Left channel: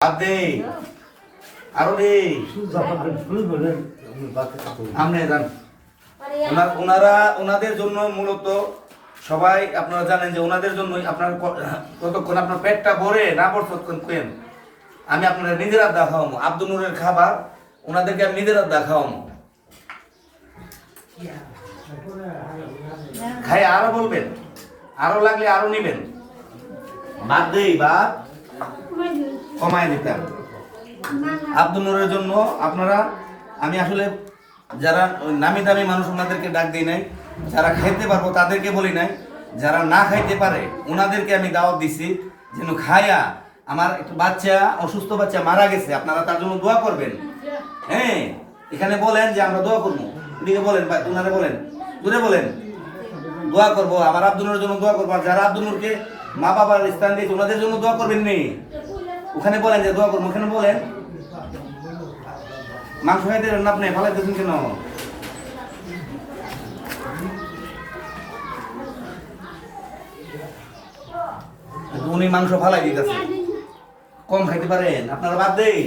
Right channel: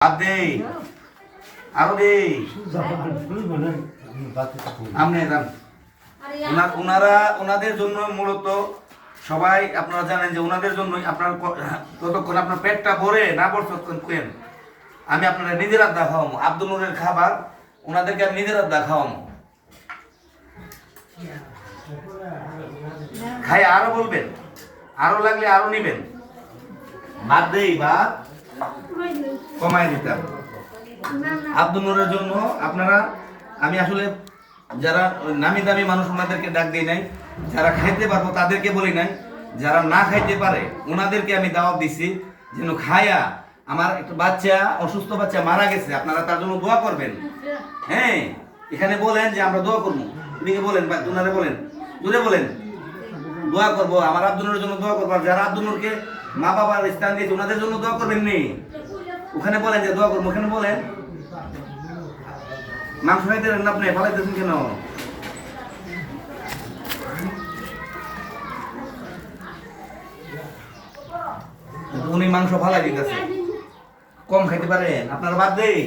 বাদ দেই আরো দেই আপনি যান। ওনাদের জন্য মূলত সবাই আপনারা জানেন যে ওনাদের জন্যই আপনার ততক্ষণ আপনার পেটটা ভরে না পড়তক্ষণ কেন আমি আপনারা নিজের আড্ডা খাওয়াবো। আব্দুল নূরের খাবার ওনাদেরকে আমি নিজের আড্ডা খাওয়াবো। খাই আরো বলবেন, আরো লাগলে আরো নিবেন। বাদ দেই বাদ কমায় দিতাম। আব্দুল নূরের জন্য আপনারা আমি আসলে যারা নামি দামি মানুষ ওনাদেরকে ডাক দিই নাই, যারা খাইতে পারবো তাদেরকে বলি নাই, যারা না খাইতে পারে ওনাদেরকে আমি দাওয়াত দিছি যেন খায়া। আমার একটু বাচ্চা অসুস্থ বাচ্চা মারা গেছে, আপনারা তার জন্য দোয়া করবেন। হ্যাঁ এখানে বলেন যে আমরা দোয়া করবো, এদিকে বলেন ওনারে বলেন, দূরে বলেন দোয়া করবো। আমার আব্দুল নূরের জন্য দোয়া করবো। আর যারা আব্দুল নূরকে মা বাবার স্থান দিয়েছে ওনাদের জন্য দোয়া করবেন নি, ওখানে বলেন যে দোয়া করবো। ওখানে বলেন মাংস খাইতে না আপনি ফালাইতেছেন কেন? উনি মাংস ফালাই দিতেছে, কম খাইতে পারেন আপনারা বাদ দেই।